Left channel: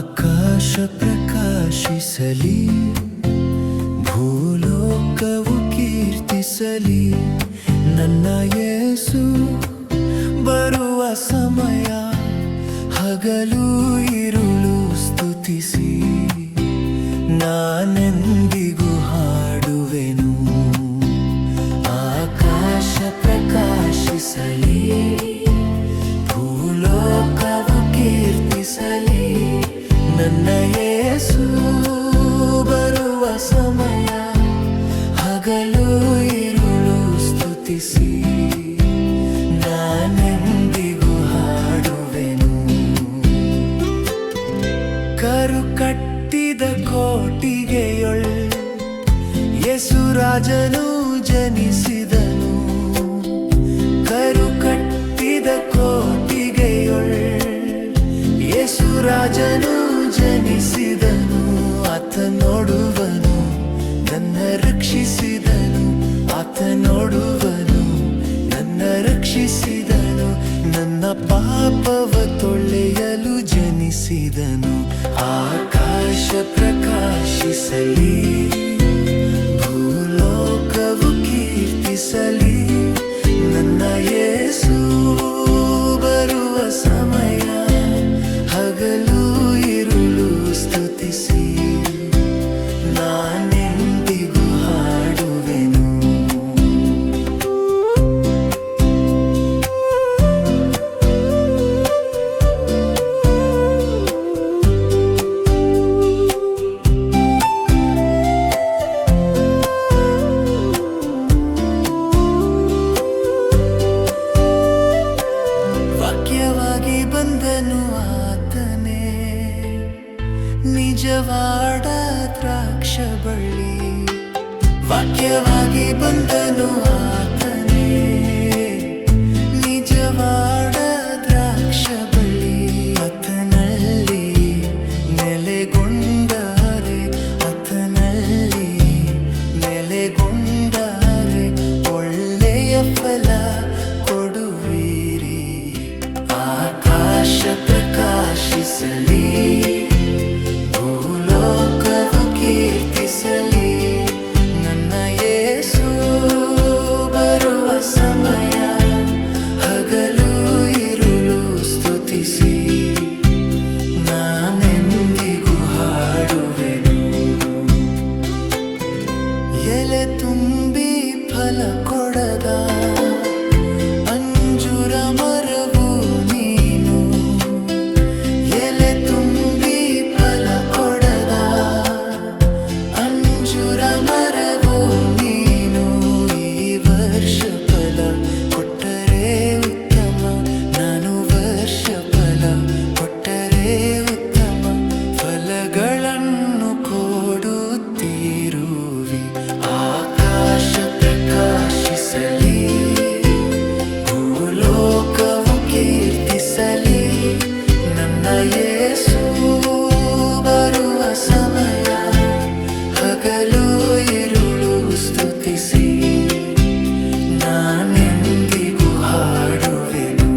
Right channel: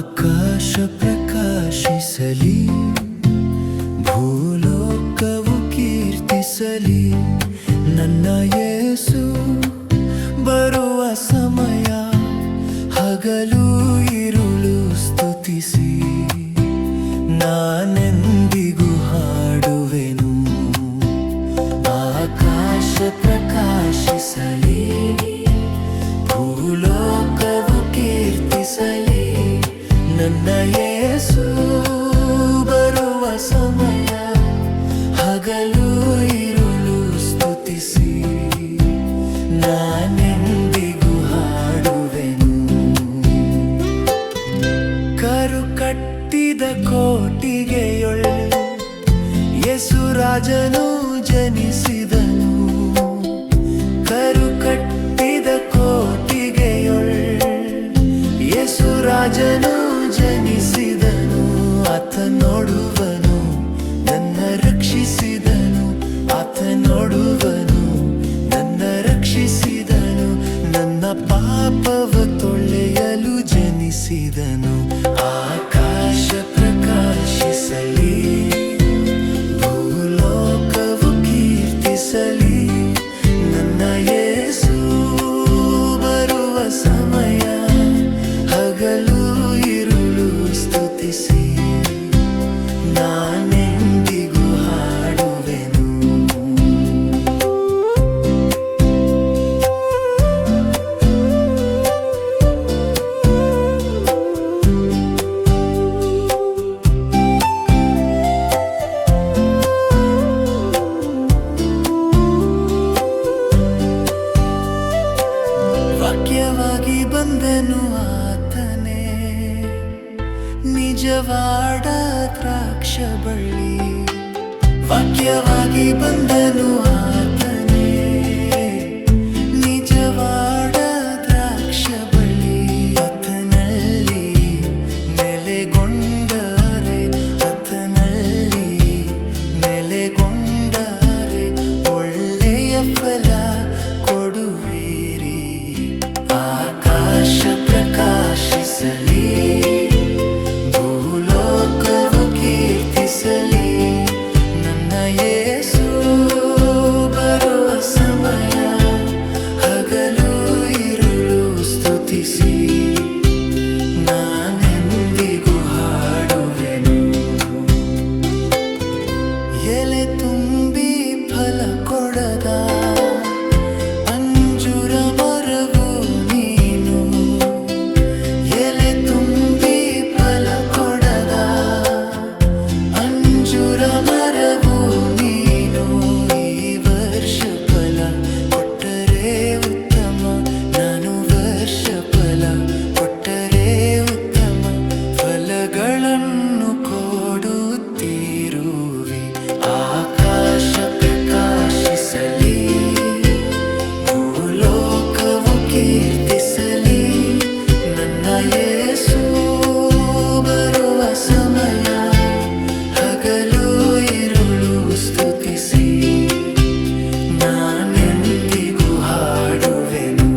ಆಕಾಶ ಪ್ರಕಾಶಿಸಲಿ, ಭೂಲೋಕವು ಕೀರ್ತಿಸಲಿ. ನನ್ನ ಯೇಸು ಬರುವ ಸಮಯ, ಹಗಲು ಇರುಳು ಸ್ತುತಿಸಿ. ನಾನೆಂದಿಗೂ ಹಾಡುವೆನು. ಆಕಾಶ ಪ್ರಕಾಶಿಸಲಿ, ಭೂಲೋಕವು ಕೀರ್ತಿಸಲಿ. ನನ್ನ ಯೇಸು ಬರುವ ಸಮಯ, ಹಗಲು ಇರುಳು ಸ್ತುತಿಸಿ. ನಾನೆಂದಿಗೂ ಹಾಡುವೆನು. ಕರು ಕಟ್ಟಿದ ಕೋಟಿಗೆಯೊಳ್ ಯೇಸು ರಾಜನು ಜನಿಸಿದನು. ಕರು ಕಟ್ಟಿದ ಕೋಟಿಗೆಯೊಳ್ ಯೇಸು ರಾಜನು ಜನಿಸಿದನು. ಆತ ನೋಡುವನು, ನನ್ನ ರಕ್ಷಿಸಿದನು. ಆತ ನೋಡುವನು, ನನ್ನ ರಕ್ಷಿಸಿದನು. ನನ್ನ ಪಾಪವ ತೊಳೆಯಲು ಜನಿಸಿದನು. ಆಕಾಶ ಪ್ರಕಾಶಿಸಲಿ, ಭೂಲೋಕವು ಕೀರ್ತಿಸಲಿ. ನನ್ನ ಯೇಸು ಬರುವ ಸಮಯ, ಹಗಲು ಇರುಳು ಸ್ತುತಿಸಿ. ನಾನೆಂದಿಗೂ ಹಾಡುವೆನು. ವಾಕ್ಯವಾಗಿ ಬಂದನು ಆತನೇ, ನಿಜವಾದ ದ್ರಾಕ್ಷ ಬಳ್ಳಿ. ವಾಕ್ಯವಾಗಿ ಬಂದನು ಆತನೇ, ನಿಜವಾದ ದ್ರಾಕ್ಷ ಬಳ್ಳಿ. ಆತನಲ್ಲಿ ನೆಲೆಗೊಂಡರೆ, ಆತನಲ್ಲಿ ನೆಲೆಗೊಂಡರೆ ಒಳ್ಳೆಯ ಫಲ ಕೊಡುವಿರಿ. ಆಕಾಶ ಪ್ರಕಾಶಿಸಲಿ, ಭೂಲೋಕವು ಕೀರ್ತಿಸಲಿ. ನನ್ನ ಯೇಸು ಬರುವ ಸಮಯ, ಹಗಲು ಇರುಳು ಸ್ತುತಿಸಿ. ನಾನೆಂದಿಗೂ ಹಾಡುವೆನು. ಎಲೆ ತುಂಬಿ ಫಲ ಕೊಡದ ಅಂಜೂರ ಮರವು ನೀನು. ಎಲೆ ತುಂಬಿ ಫಲ ಕೊಡದ ಅಂಜೂರ ಮರವು ನೀನು. ಈ ವರ್ಷ ಫಲ ಕೊಟ್ಟರೆ ಉತ್ತಮ, ನಾನು ವರ್ಷ ಫಲ ಕೊಟ್ಟರೆ ಉತ್ತಮ. ಫಲಗಳನ್ನು ಕೊಡುತ್ತಿರುವಿ. ಆಕಾಶ ಪ್ರಕಾಶಿಸಲಿ, ಭೂಲೋಕವು ಕೀರ್ತಿಸಲಿ. ನನ್ನ ಯೇಸು ಬರುವ ಸಮಯ, ಹಗಲು ಇರುಳು ಸ್ತುತಿಸಿ. ನಾನೆಂದಿಗೂ ಹಾಡುವೆನು.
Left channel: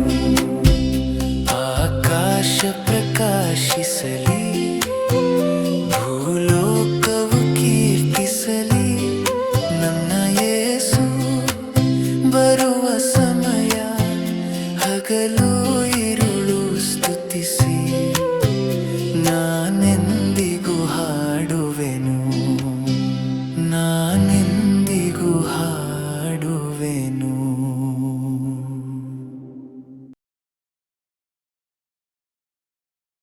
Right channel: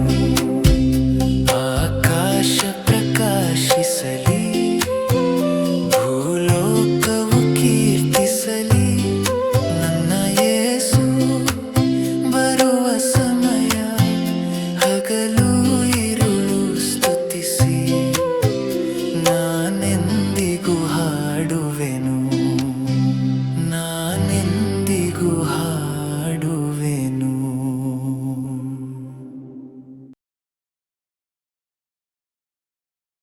ಆಕಾಶ ಪ್ರಕಾಶಿಸಲಿ, ಭೂಲೋಕವು ಕೀರ್ತಿಸಲಿ. ನನ್ನ ಯೇಸು ಬರುವ ಸಮಯ, ಹಗಲು ಇರುಳು ಸ್ತುತಿಸಿ. ನಾನೆಂದಿಗೂ ಹಾಡುವೆನು. ನಾನೆಂದಿಗೂ ಹಾಡುವೆನು.